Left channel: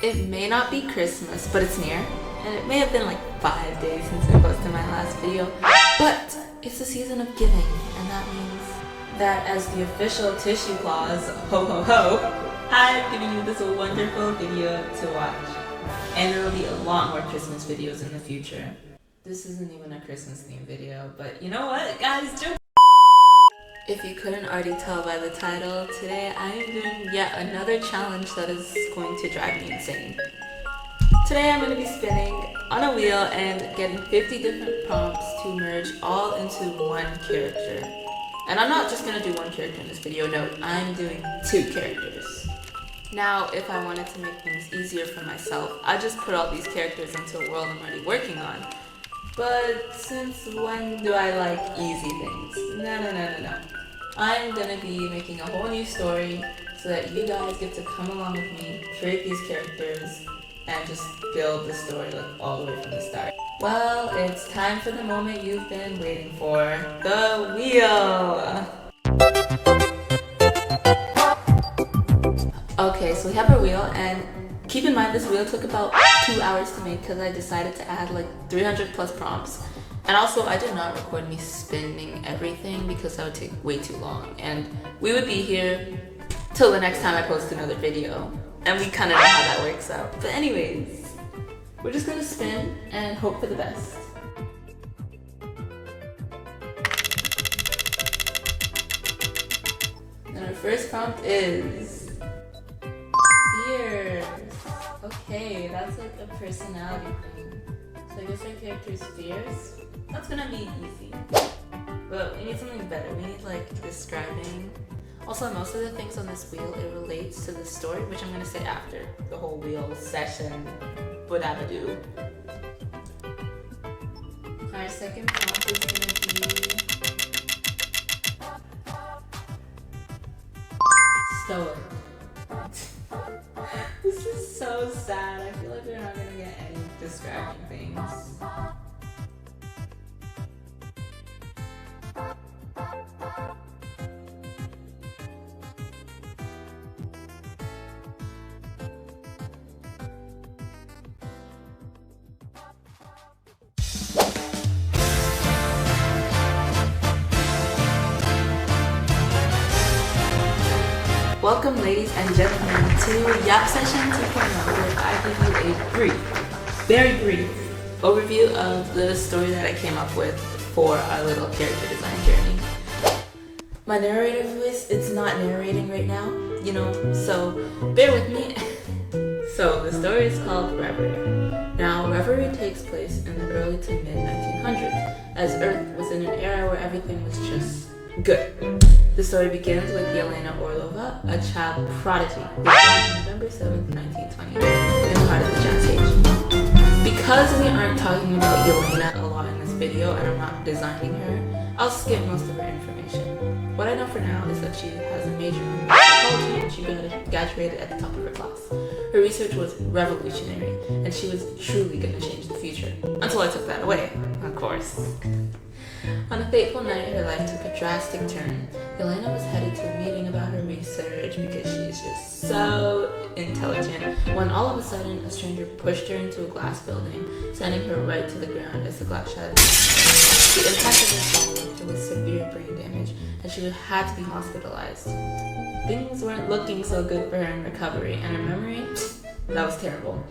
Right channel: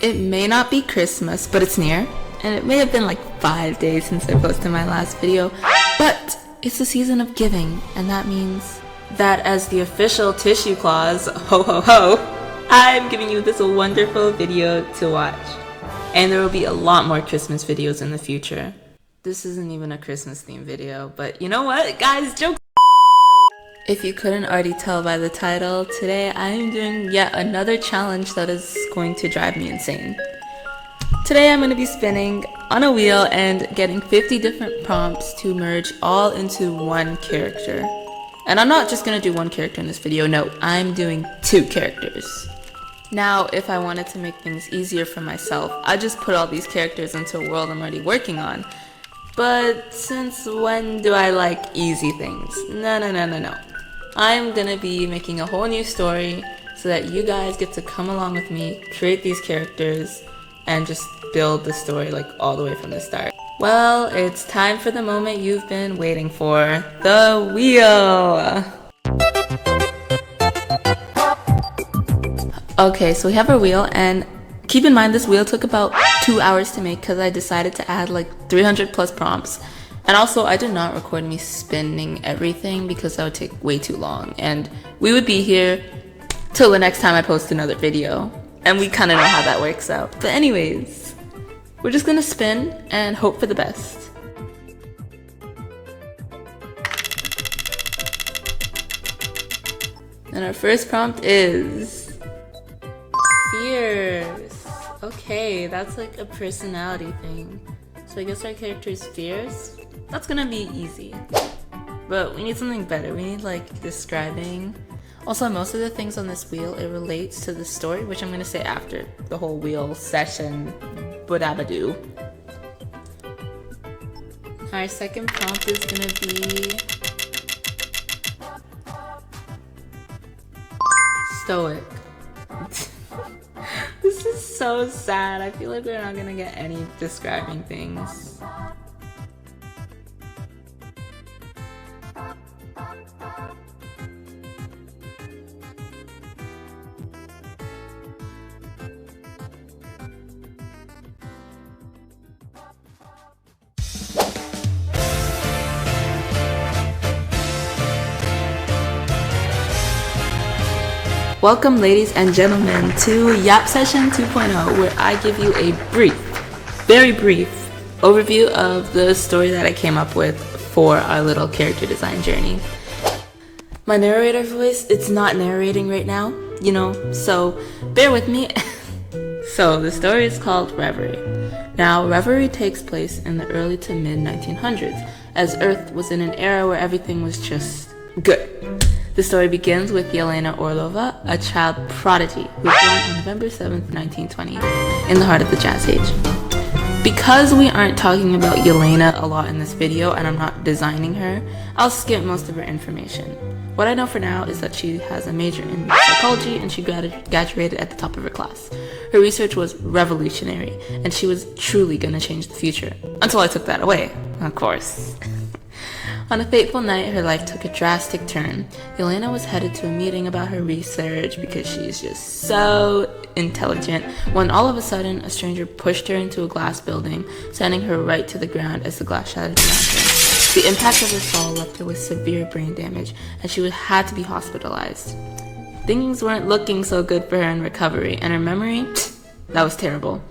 It may not be Christmas, but it's near. And it may have been like 5 days since I posted my last video. But it's the season of giving, and that means that as the official tissue claus, ho ho ho, I'm giving you this wonderful video to watch. And there will be a lot more Christmas videos in the future. This isn't even a Christmas themed video, but you know what, guys, jokes. If you couldn't already tell by the title, today I am doing yet another challenge that is going to drive me insane. Today I'm going to be spinning on a wheel and getting 50 different prompts to merge all into one character. And I'm not just going to do one character in this video, no, I'm doing 2 characters. Now, if I wanted to make things easier for myself, I just put all these characters into a world I'm already working on. But since when do I like easy things? No. I'm gonna be making a whole new story so that you guys get to come along with me, create these characters, and just build the story like all the way from the start. Well, it's time for the moment you've been waiting for, the wheel! Okay, so we have our wheel, and keep in mind this wheel took about 2 hours to make because I decided to add like 300 plus prompts. And also, I did not record me spinning everything because that would take way too long. And we would be here till the next time I post another video. And we kind of know how that works out. But anyways, we're just gonna spin and hope for the best. And our first prompt is fears. Okay, that's like a personality thing. So I guess our character is fierce. That's gonna be easy. But we need something better. We need like describing. Also, most of the things on this wheel, it relates to the story, which I'm gonna say after the whole wheel session. Badabadoo. Our second prompt is gonna be stoic. This is so sad. I feel like we're not gonna get any describing things. Welcome, ladies and gentlemen, to Yap Session 2.0, where I give you a brief, very brief overview of the story that I came up with for our little character design journey. My narrator voice, it's not narrating right now, you know, so bear with me. So the story is called Reverie. Now, Reverie takes place in the early to mid 1900s, as Earth was in an era where everything was just good. The story begins with Yelena Orlova, a child prodigy who was born on November 7th, 1920, in the heart of the Jazz Age. Because we aren't talking about Yelena a lot in this video and I'm not designing her, I'll skip most of her information. What I know for now is that she has a major in psychology and she graduated at the top of her class. Her research was revolutionary and she was truly gonna change the future. Until I took that away, of course. On a fateful night, her life took a drastic turn. Yelena was headed to a meeting about her research because she's just so intelligent, when all of a sudden, a stranger pushed her into a glass building, sending her right to the ground as the glass shattered past her. The impact of her fall left her with severe brain damage, and she had to be hospitalized. Things weren't looking so good for her in recovery, and her memory, that was terrible.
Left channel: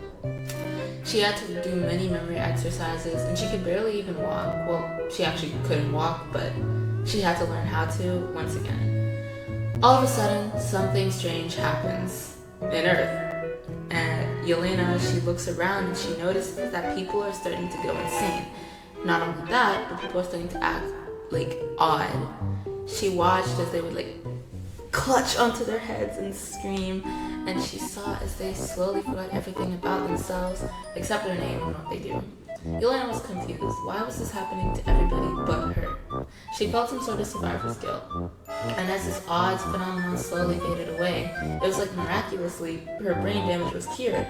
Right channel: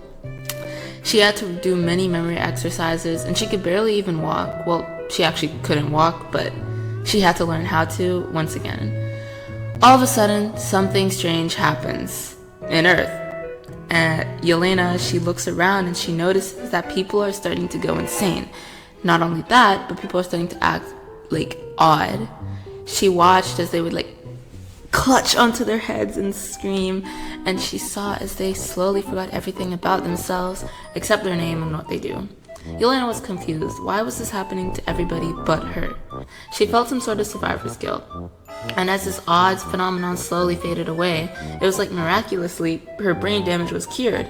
She had to do many memory exercises, and she could barely even walk. Well, she actually couldn't walk, but she had to learn how to once again. All of a sudden, something strange happens in Earth. And Yelena, she looks around and she notices that people are starting to go insane. Not only that, but people are starting to act like odd. She watched as they would like clutch onto their heads and scream, and she saw as they slowly forgot everything about themselves except their name and what they do. Yelena was confused. Why was this happening to everybody but her? She felt some sort of survivor's guilt. And as this odd phenomenon slowly faded away, it was like miraculously her brain damage was cured.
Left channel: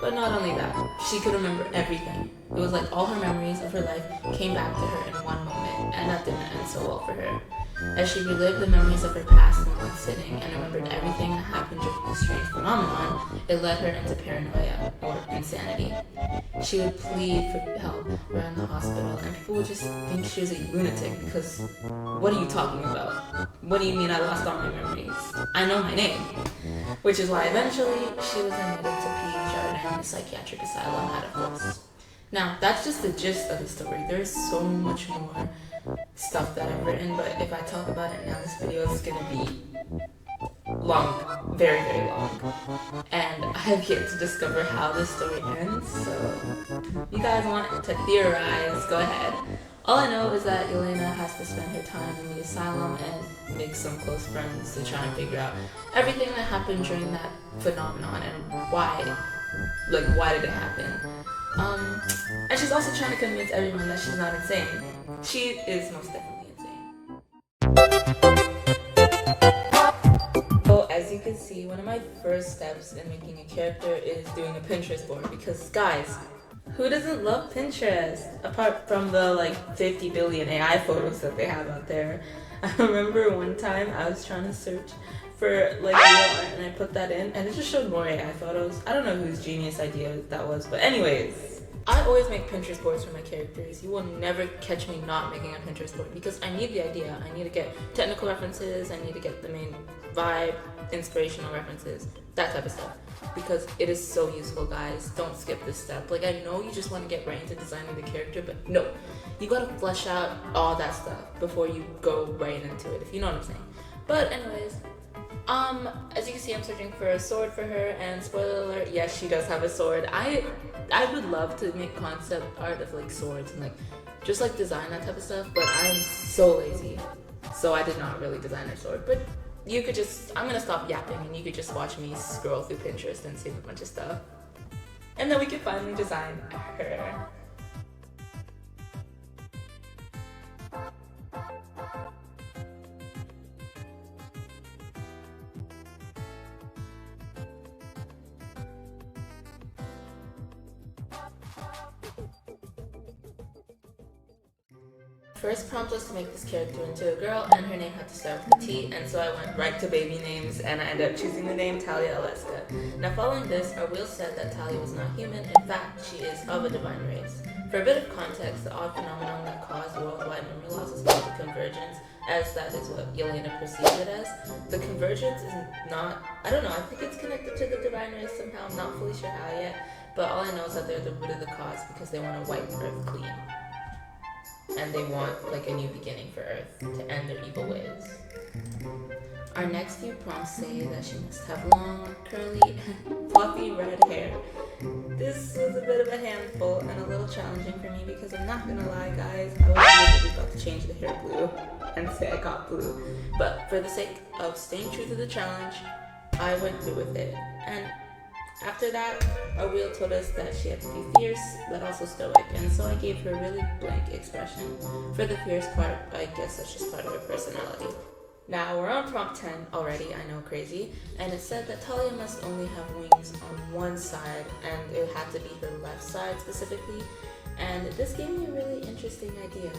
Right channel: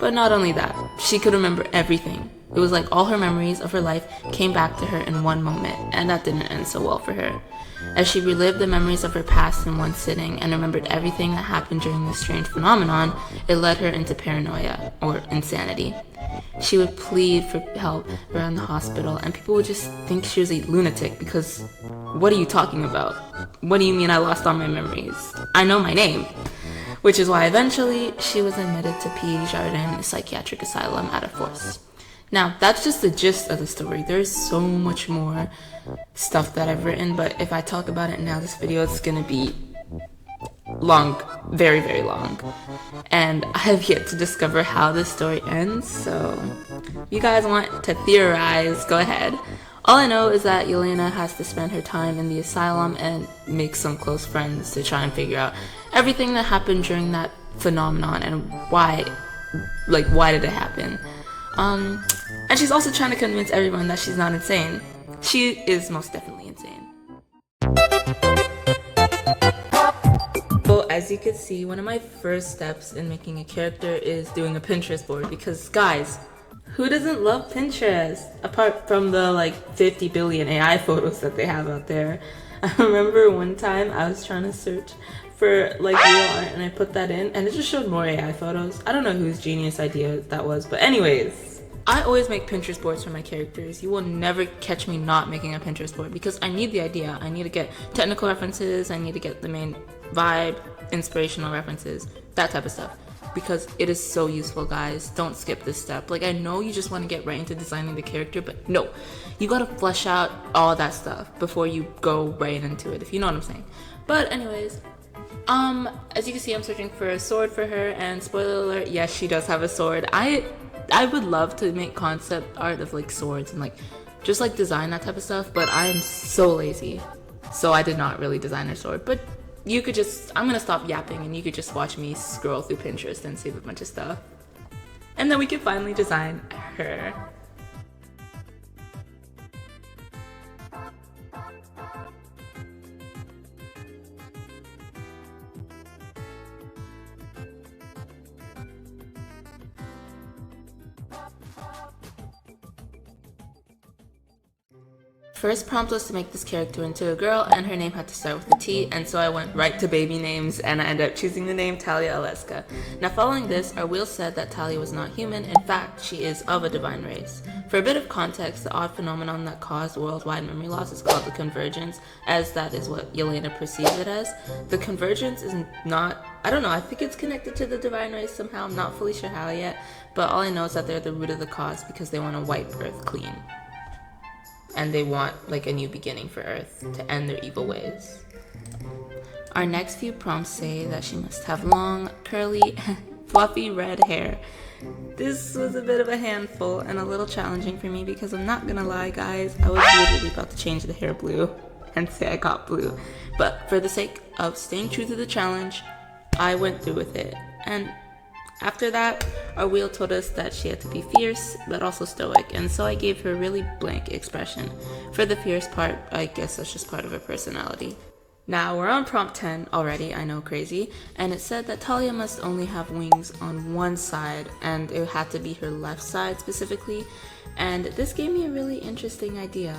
But not only that, she could remember everything. It was like all her memories of her life came back to her in one moment, and that didn't end so well for her. As she relived the memories of her past in one sitting and remembered everything that happened during this strange phenomenon, it led her into paranoia, or insanity. She would plead for help around the hospital, and people would just think she was a lunatic because, what are you talking about? What do you mean I lost all my memories? I know my name. Which is why eventually she was admitted to P. Jardin Psychiatric Asylum at a force. Now, that's just the gist of the story. There's so much more stuff that I've written, but if I talk about it now, this video is gonna be long, very, very long. And I have yet to discover how this story ends, so if you guys want to theorize, go ahead. All I know is that Yelena has to spend her time in the asylum and make some close friends to try and figure out everything that happened during that phenomenon and why did it happen. And she's also trying to convince everyone that she's not insane. She is most definitely insane. So as you can see, one of my first steps in making a character is doing a Pinterest board, because guys, who doesn't love Pinterest? Apart from the 50 billion AI photos that they have out there. I remember one time I was trying to search for real art and I put that in and it just showed more AI photos. I don't know whose genius idea that was, but anyways. I always make Pinterest boards for my characters. You will never catch me not making a Pinterest board because I need the idea. I need to get technical references. I need to get the main vibe, inspirational references, that type of stuff. Because it is so useful, guys. Don't skip this step. I know you just want to get right into designing the character, but no. You gotta flesh out all that stuff before you go right into it, if you know what I'm saying. But anyways, as you can see, I'm searching for a sword for her, and spoiler alert, yes, she does have a sword. I would love to make concept art of swords and just design that type of stuff, but I am so lazy. So I did not really design her sword, but you could just, I'm gonna stop yapping and you could just watch me scroll through Pinterest and save a bunch of stuff. And then we can finally design her. First prompt was to make this character into a girl, and her name had to start with a T, and so I went right to baby names, and I ended up choosing the name Talia Aleska. Now following this, our wheel said that Talia was not human. In fact, she is of a divine race. For a bit of context, the odd phenomenon that caused worldwide memory loss is called the convergence, as that is what Yelena perceives it as. The convergence is not, I don't know, I think it's connected to the divine race somehow. I'm not fully sure how yet, but all I know is that they're the root of the cause because they want to wipe Earth clean. And they want a new beginning for Earth to end their evil ways. Our next few prompts say that she must have long, curly, fluffy red hair. This was a bit of a handful and a little challenging for me because I'm not gonna lie, guys, I was literally about to change the hair blue and say I got blue. But for the sake of staying true to the challenge, I went through with it. And after that, our wheel told us that she had to be fierce, but also stoic, and so I gave her a really blank expression. For the fierce part, I guess that's just part of her personality. Now, we're on prompt 10 already, I know, crazy, and it said that Talia must only have wings on one side, and it had to be her left side specifically, and this gave me a really interesting idea.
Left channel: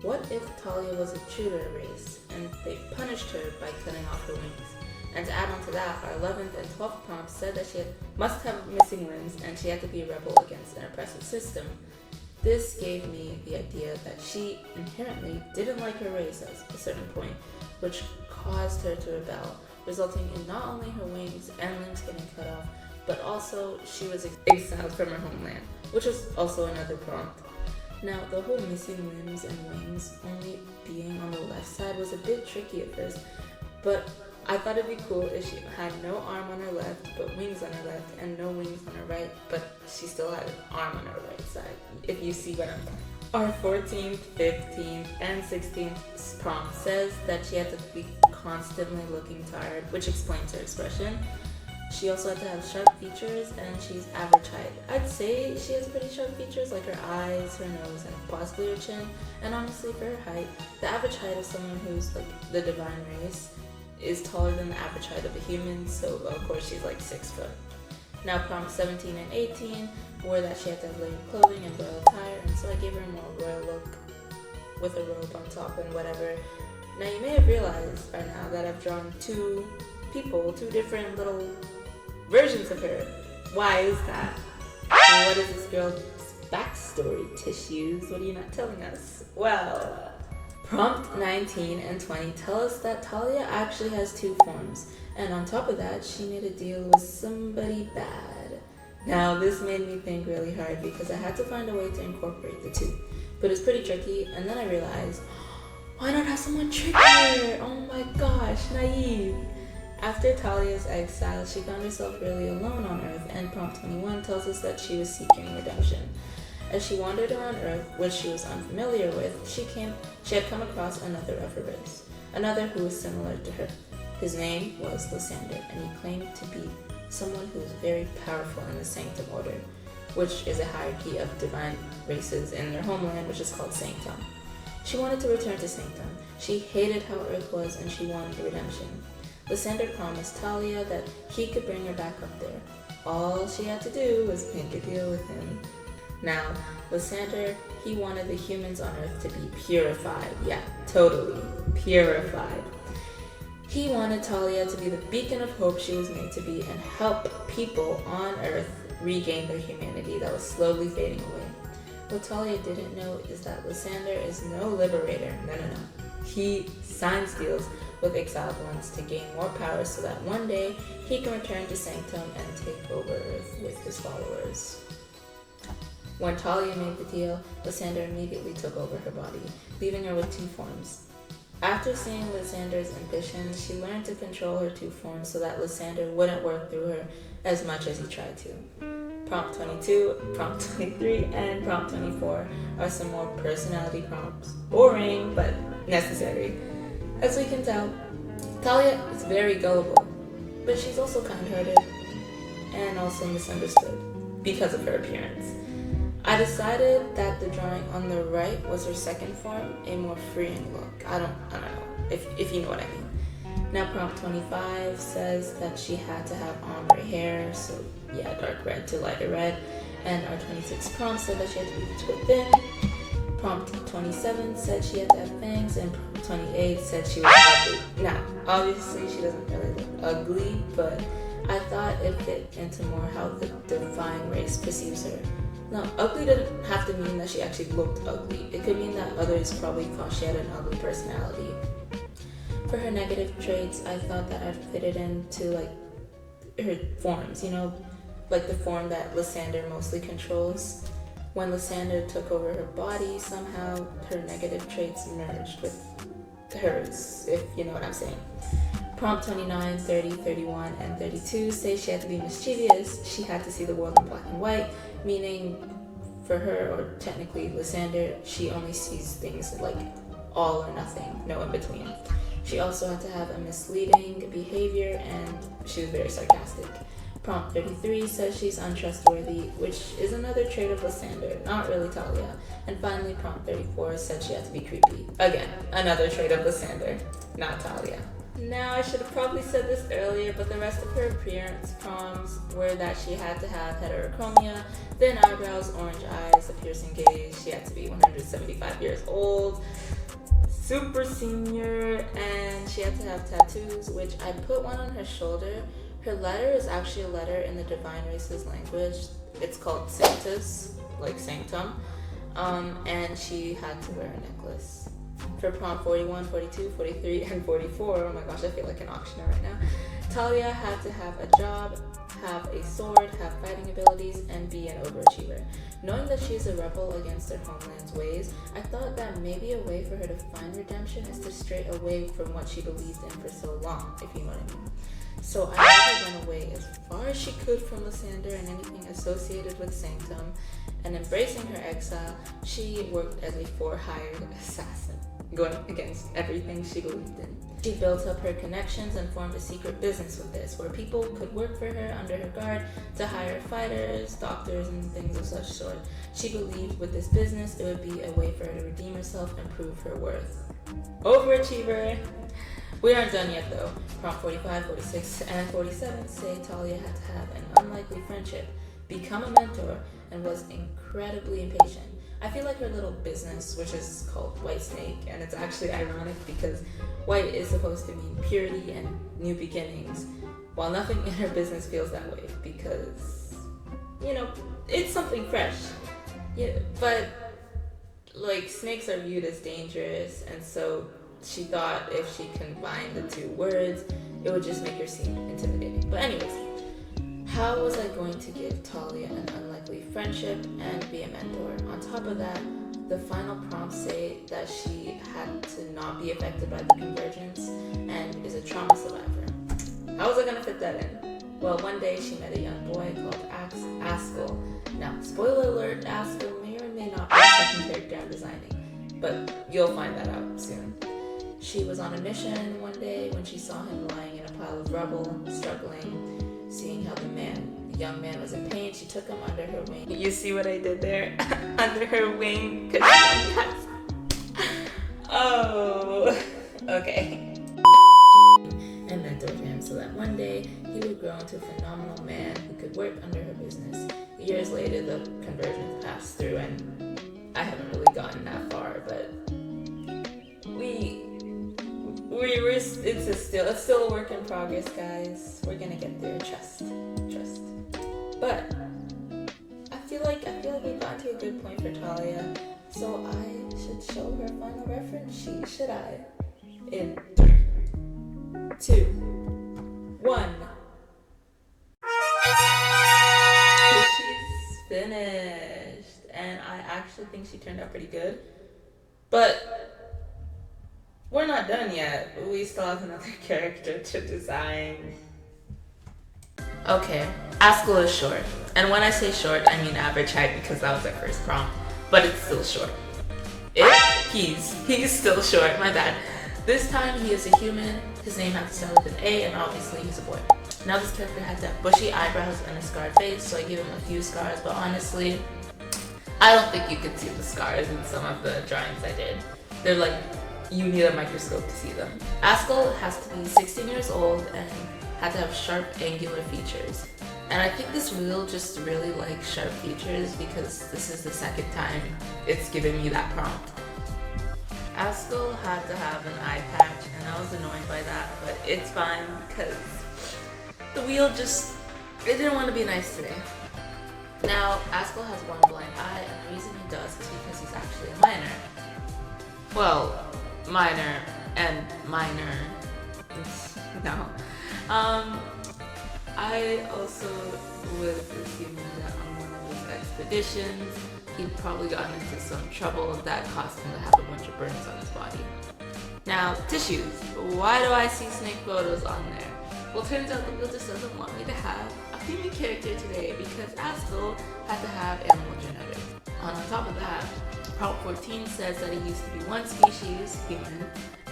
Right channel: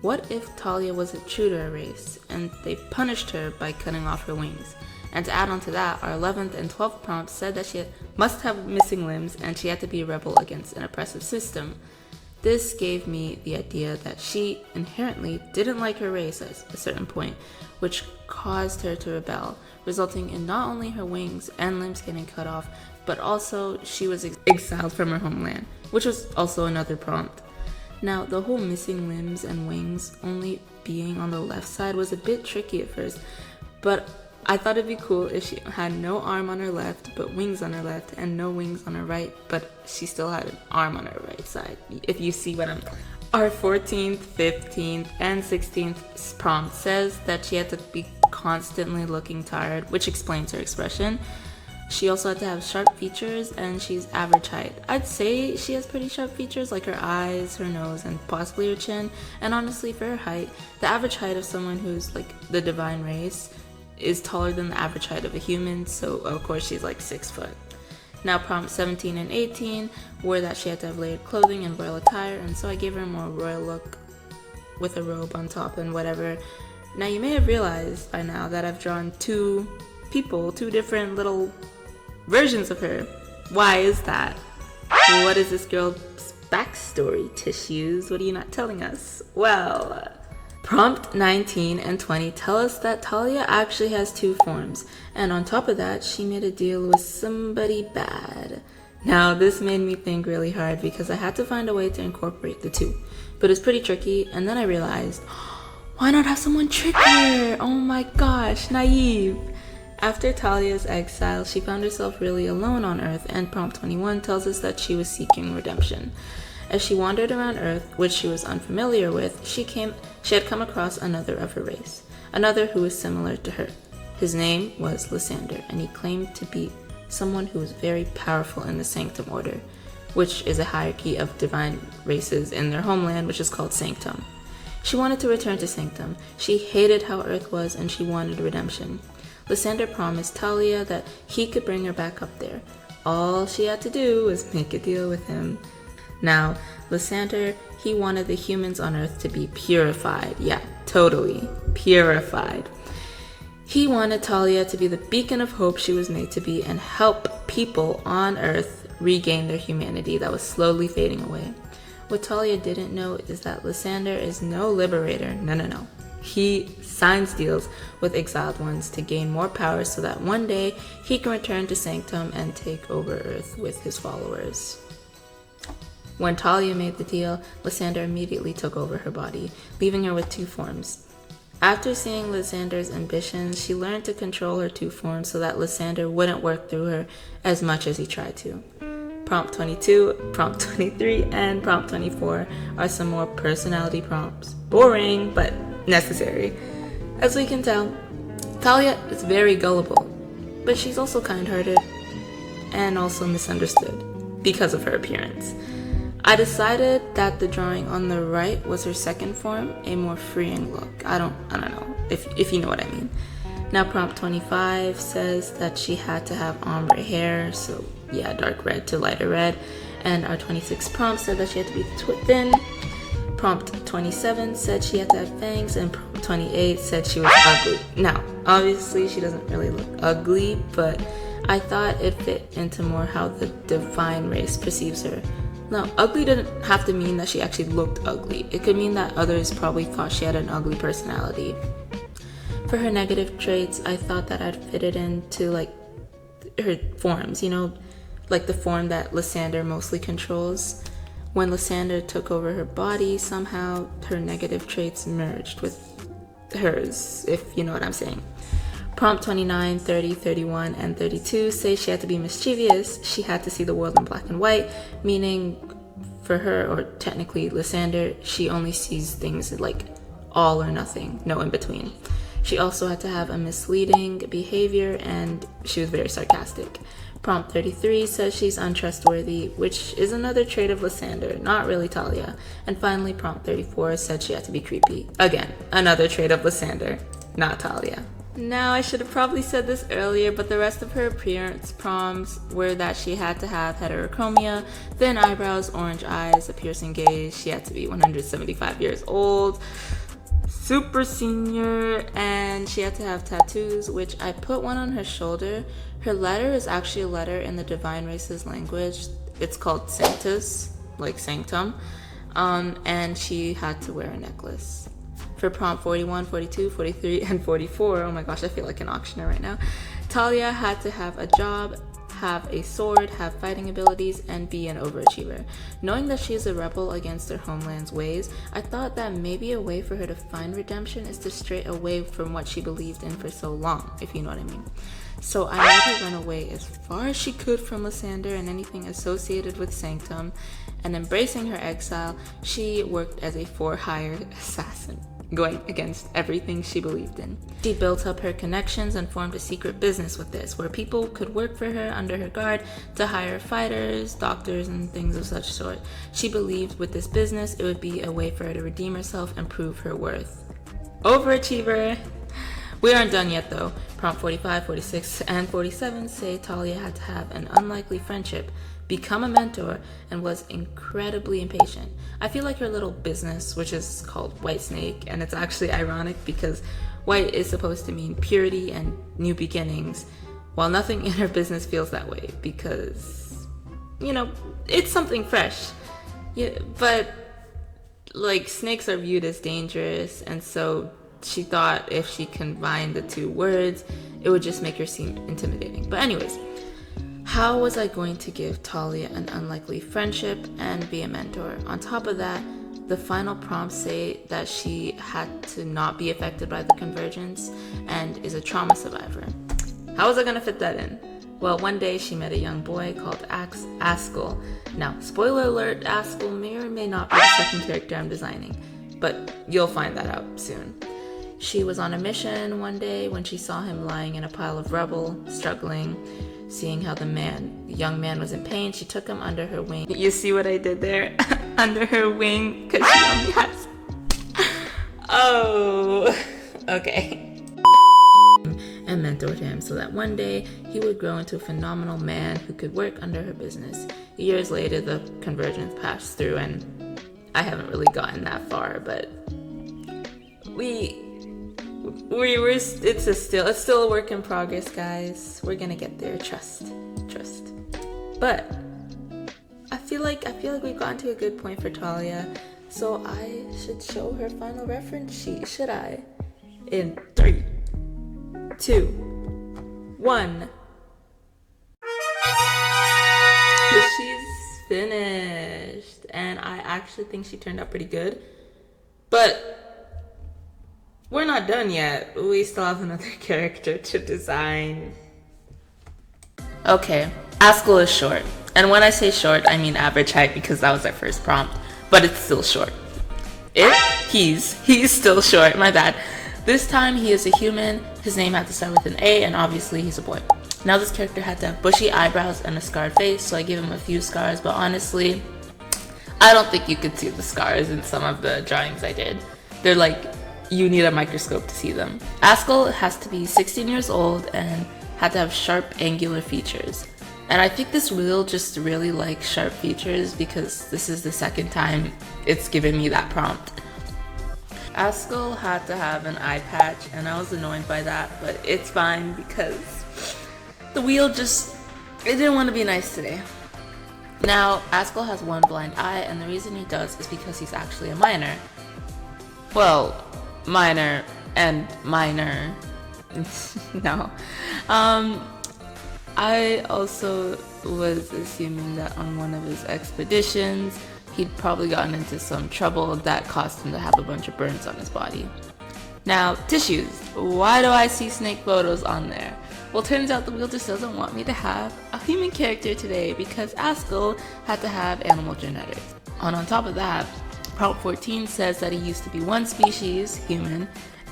What if Talia was true to her race, and they punished her by cutting off her wings? And to add on to that, our 11th and 12th prompts said that she must have missing limbs and she had to be a rebel against an oppressive system. This gave me the idea that she inherently didn't like her race at a certain point, which caused her to rebel, resulting in not only her wings and limbs getting cut off, but also she was exiled from her homeland, which was also another prompt. Now, the whole missing limbs and wings only being on the left side was a bit tricky at first, but I thought it'd be cool if she had no arm on her left, but wings on her left, and no wings on her right, but she still had an arm on her right side, if you see what I'm... Our 14th, 15th, and 16th prompt says that she had to be constantly looking tired, which explains her expression. She also had to have sharp features, and she's average height. I'd say she has pretty sharp features, like her eyes, her nose, and possibly her chin, and honestly, for her height, the average height of someone who's the divine race is taller than the average height of a human, so of course she's 6 foot. Now prompt 17 and 18 were that she had to have layered clothing and royal attire, and so I gave her a more royal look with a robe on top and whatever. Now you may have realized by now that I've drawn two different little versions of her. Why is that? What is this girl's backstory, Tissues? What are you not telling us? Well, prompt 19 and 20 tell us that Talia actually has two forms, and on top of that, she made a deal with somebody bad. Now, this made me think really hard because I had to find a way to incorporate the two, but it's pretty tricky, and then I realized, why not have someone trick her? Oh my gosh, naive. After Talia's exile, she found herself really alone on Earth, and prompt 21 tells us that she was seeking redemption. As she wandered around Earth, which she was unfamiliar with, she had come across another of her race, another who was similar to her. His name was Lysander, and he claimed to be someone who was very powerful in the Sanctum Order, which is a hierarchy of divine races in their homeland, which is called Sanctum. She wanted to return to Sanctum. She hated how Earth was, and she wanted redemption. Lysander promised Talia that he could bring her back up there. All she had to do was make a deal with him. Now, Lysander, he wanted the humans on Earth to be purified. Yeah, totally purified. He wanted Talia to be the beacon of hope she was made to be and help people on Earth regain their humanity that was slowly fading away. What Talia didn't know is that Lysander is no liberator. No. He signs deals with exiled ones to gain more power so that one day he can return to Sanctum and take over Earth with his followers. When Talia made the deal, Lysander immediately took over her body, leaving her with two forms. After seeing Lysander's ambitions, she learned to control her two forms so that Lysander wouldn't work through her as much as he tried to. Prompt 22, prompt 23, and prompt 24 are some more personality prompts. Boring, but necessary. As we can tell, Talia is very gullible, but she's also kind-hearted and also misunderstood because of her appearance. I decided that the drawing on the right was her second form, a more freeing look. I don't know if you know what I mean. Now prompt 25 says that she had to have ombre hair, so yeah, dark red to lighter red. And our 26 prompt said that she had to be thin. Prompt 27 said she had to have fangs, and prompt 28 said she was ugly. Now, obviously she doesn't really look ugly, but I thought it fit into more how the divine race perceives her. Now, ugly didn't have to mean that she actually looked ugly. It could mean that others probably thought she had an ugly personality. For her negative traits, I thought that I'd fit it into like her forms, like the form that Lysander mostly controls. When Lysander took over her body, somehow her negative traits merged with hers, if you know what I'm saying. Prompt 29, 30, 31, and 32 say she had to be mischievous. She had to see the world in black and white, meaning for her, or technically Lysander, she only sees things like all or nothing, no in between. She also had to have a misleading behavior, and she was very sarcastic. Prompt 33 says she's untrustworthy, which is another trait of Lysander, not really Talia. And finally, prompt 34 said she had to be creepy. Again, another trait of Lysander, not Talia. Now, I should have probably said this earlier, but the rest of her appearance prompts were that she had to have heterochromia, thin eyebrows, orange eyes, a piercing gaze, she had to be 175 years old, super senior, and she had to have tattoos, which I put one on her shoulder. Her letter is actually a letter in the divine race's language. It's called Sanctus, like sanctum, and she had to wear a necklace. For prompt 41, 42, 43, and 44, oh my gosh, I feel like an auctioneer right now, Talia had to have a job, have a sword, have fighting abilities, and be an overachiever. Knowing that she is a rebel against her homeland's ways, I thought that maybe a way for her to find redemption is to stray away from what she believed in for so long, if you know what I mean. So I made her run away as far as she could from Lysander and anything associated with Sanctum, and embracing her exile, she worked as a for-hire assassin, going against everything she believed in. She built up her connections and formed a secret business with this, where people could work for her under her guard to hire fighters, doctors, and things of such sort. She believed with this business it would be a way for her to redeem herself and prove her worth. Overachiever! We aren't done yet though. Prompt 45, 46, and 47 say Talia had to have an unlikely friendship, become a mentor, and was incredibly impatient. I feel like her little business, which is called White Snake, and it's actually ironic because white is supposed to mean purity and new beginnings, while nothing in her business feels that way because, it's something fresh. Yeah, but like snakes are viewed as dangerous, and so she thought if she combined the two words, it would just make her seem intimidating. But anyways, how was I going to give Talia an unlikely friendship and be a mentor? On top of that, the final prompts say that she had to not be affected by the convergence and is a trauma survivor. How was I going to fit that in? Well, one day she met a young boy called Askell. Now, spoiler alert, Askell may or may not be the second character I'm designing, but you'll find that out soon. She was on a mission one day when she saw him lying in a pile of rubble, struggling. Seeing how the young man was in pain, she took him under her wing. You see what I did there? Under her wing, because she only has... Oh, okay. And mentored him so that one day he would grow into a phenomenal man who could work under her business. Years later, the convergence passed through, and I haven't really gotten that far, but it's still a work in progress, guys. We're gonna get there. Trust. But I feel like we've gotten to a good point for Talia, so I should show her final reference sheet, should I? In 3, 2, 1. She's finished, and I actually think she turned out pretty good, but we're not done yet. We still have another character to design. Okay, Askell is short. And when I say short, I mean average height because that was our first prompt. But it's still short. He's still short, my bad. This time he is a human. His name had to start with an A, and obviously he's a boy. Now this character had to have bushy eyebrows and a scarred face, so I gave him a few scars, but honestly, I don't think you could see the scars in some of the drawings I did. They're like, you need a microscope to see them. Askell has to be 16 years old and had to have sharp, angular features. And I think this wheel just really likes sharp features because this is the second time it's given me that prompt. Askell had to have an eye patch, and I was annoyed by that, but it's fine because the wheel it didn't want to be nice today. Now, Askell has one blind eye, and the reason he does is because he's actually a minor. Well, minor and minor. No. I also was assuming that on one of his expeditions, he'd probably gotten into some trouble that caused him to have a bunch of burns on his body. Now, tissues. Why do I see snake photos on there? Well, turns out the wheel just doesn't want me to have a human character today because Askell had to have animal genetics. And on top of that, Prompt 14 says that he used to be one species, human,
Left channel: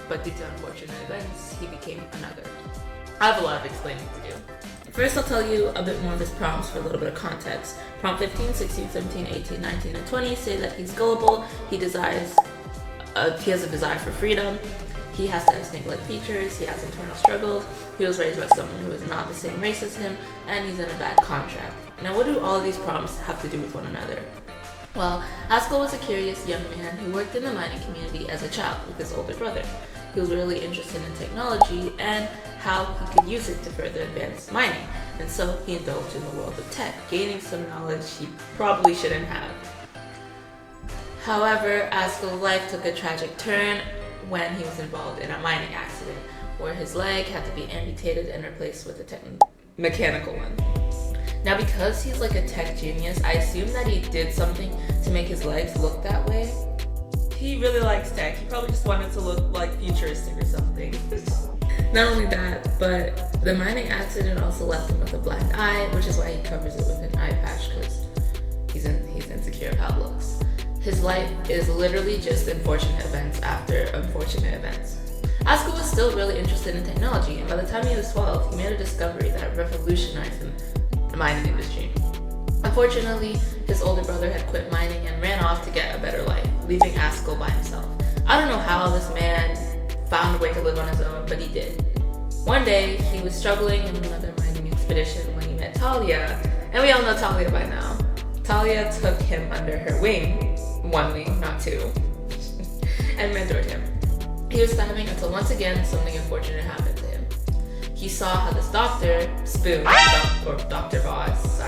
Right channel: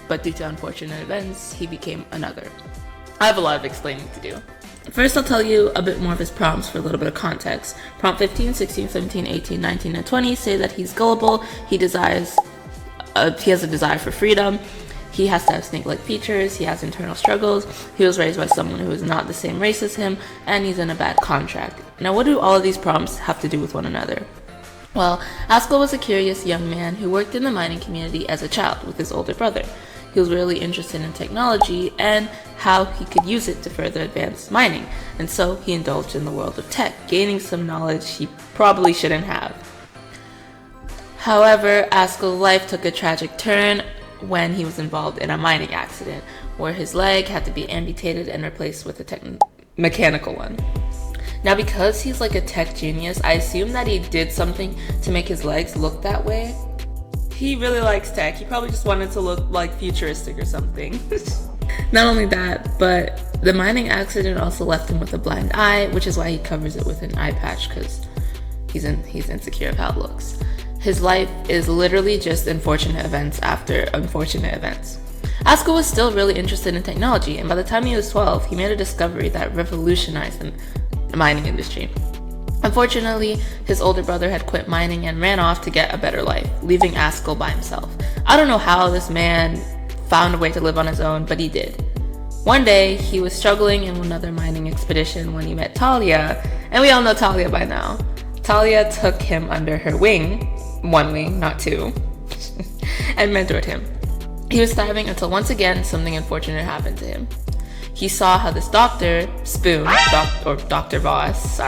but due to unfortunate events, he became another. I have a lot of explaining to do. First, I'll tell you a bit more of his prompts for a little bit of context. Prompt 15, 16, 17, 18, 19, and 20 say that he's gullible, he has a desire for freedom, he has to have snake-like features, he has internal struggles, he was raised by someone who is not the same race as him, and he's in a bad contract. Now, what do all of these prompts have to do with one another? Well, Askell was a curious young man who worked in the mining community as a child with his older brother. He was really interested in technology and how he could use it to further advance mining, and so he indulged in the world of tech, gaining some knowledge he probably shouldn't have. However, Askell's life took a tragic turn when he was involved in a mining accident, where his leg had to be amputated and replaced with a mechanical one. Now, because he's like a tech genius, I assume that he did something to make his legs look that way. He really likes tech. He probably just wanted to look like futuristic or something. Not only that, but the mining accident also left him with a blind eye, which is why he covers it with an eye patch, because he's insecure of how it looks. His life is literally just unfortunate events after unfortunate events. Askell was still really interested in technology, and by the time he was 12, he made a discovery that revolutionized the mining industry. Unfortunately, his older brother had quit mining and ran off to get a better life, leaving Askell by himself. I don't know how this man found a way to live on his own, but he did. One day, he was struggling in another mining expedition when he met Talia, and we all know Talia by now. Talia took him under her wing, one wing, not two, and mentored him. He was thriving until once again something unfortunate happened to him. He saw how this doctor, Spoon, or Dr. Voss,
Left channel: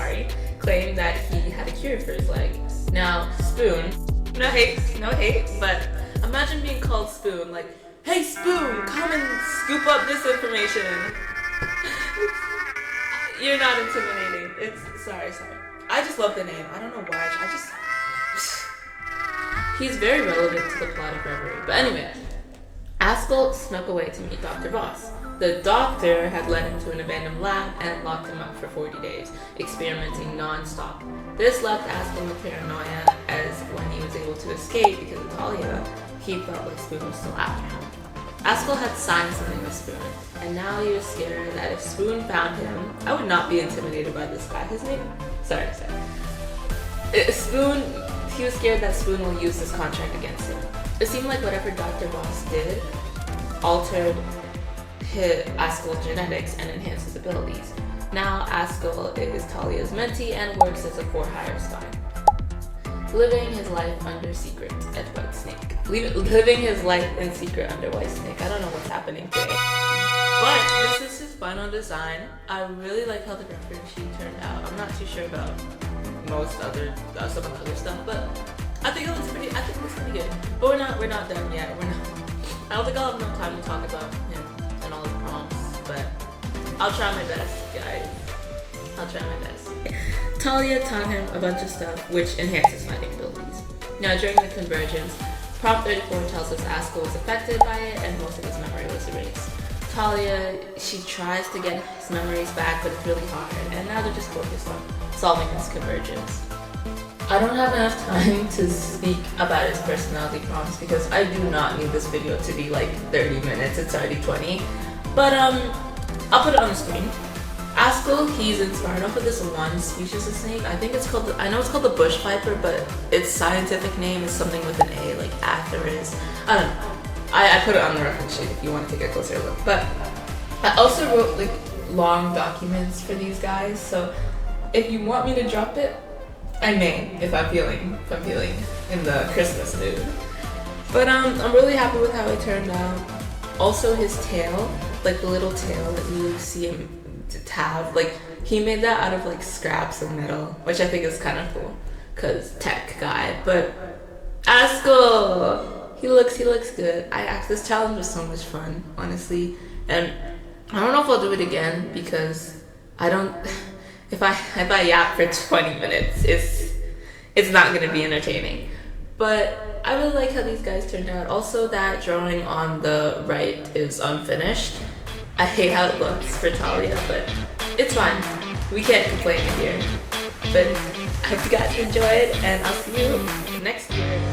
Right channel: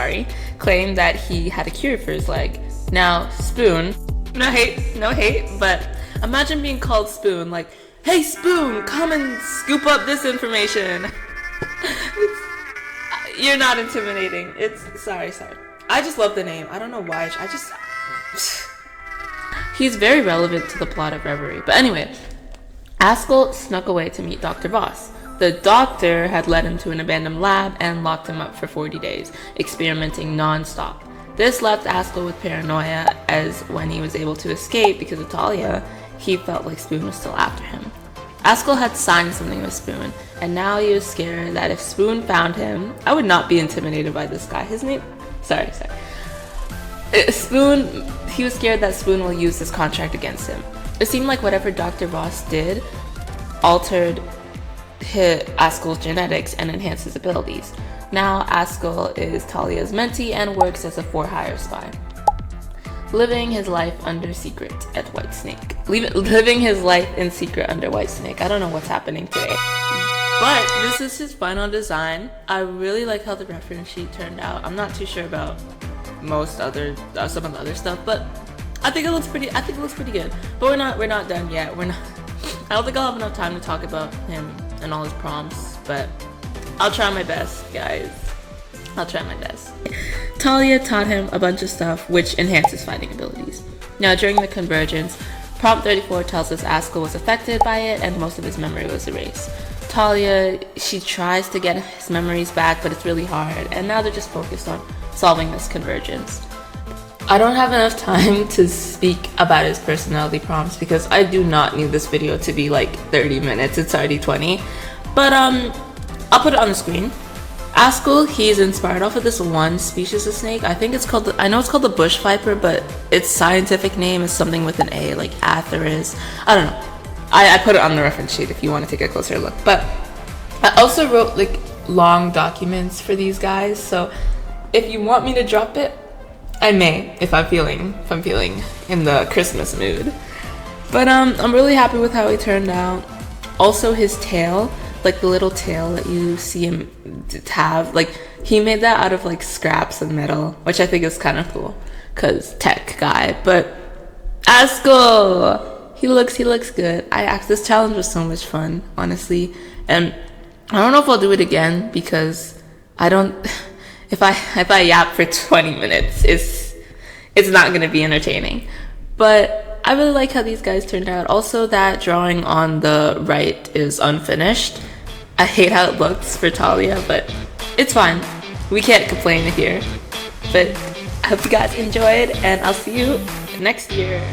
claimed that he had a cure for his leg. Now, Spoon, no hate, but imagine being called Spoon, like, hey Spoon, come and scoop up this information. You're not intimidating. Sorry. I just love the name. I don't know why. He's very relevant to the plot of Reverie. But anyway, Askell snuck away to meet Dr. Voss. The doctor had led him to an abandoned lab and locked him up for 40 days, experimenting non-stop. This left Askell with paranoia, as when he was able to escape because of Talia, he felt like Spoon was still after him. Askell had signed something with Spoon, and now he was scared that if Spoon found him, I would not be intimidated by this guy. His name? Sorry. Spoon, he was scared that Spoon will use this contract against him. It seemed like whatever Dr. Voss did altered Askell's genetics and enhanced his abilities. Now Askell is Talia's mentee and works as a for-hire spy. Living his life under secret at Whitesnake. Living his life in secret under Whitesnake. I don't know what's happening today. But this is his final design. I really like how the reference sheet turned out. I'm not too sure about some of the other stuff, but I think it looks pretty good. But we're not done yet. I don't think I'll have enough time to talk about him and all his prompts, but I'll try my best, guys. I'll try my best. Talia taught him a bunch of stuff which enhances fighting abilities. Now, during the convergence, prompt 34 tells us Askell was affected by it and most of his memory was erased. Talia, she tries to get his memories back, but it's really hard, and now they're just focused on solving this convergence. I don't have enough time to speak about his personality prompts because I do not need this video to be like 30 minutes. It's already 20. But I'll put it on the screen. Askell, he's inspired off of this one species of snake. I know it's called the bush viper, but its scientific name is something with an A, like Atheris. I don't know. I put it on the reference sheet if you want to take a closer look. But I also wrote like long documents for these guys, so if you want me to drop it, I may, if I'm feeling in the Christmas mood. But I'm really happy with how he turned out. Also, his tail, like the little tail that you see him have, like he made that out of like scraps of metal, which I think is kind of cool, cause tech guy. But Askell, he looks good. This challenge was so much fun, honestly, and I don't know if I'll do it again because I don't. If I yap for 20 minutes, it's not gonna be entertaining. But I really like how these guys turned out. Also, that drawing on the right is unfinished. I hate how it looks for Talia, but it's fine. We can't complain here. But I hope you guys enjoyed, and I'll see you next year.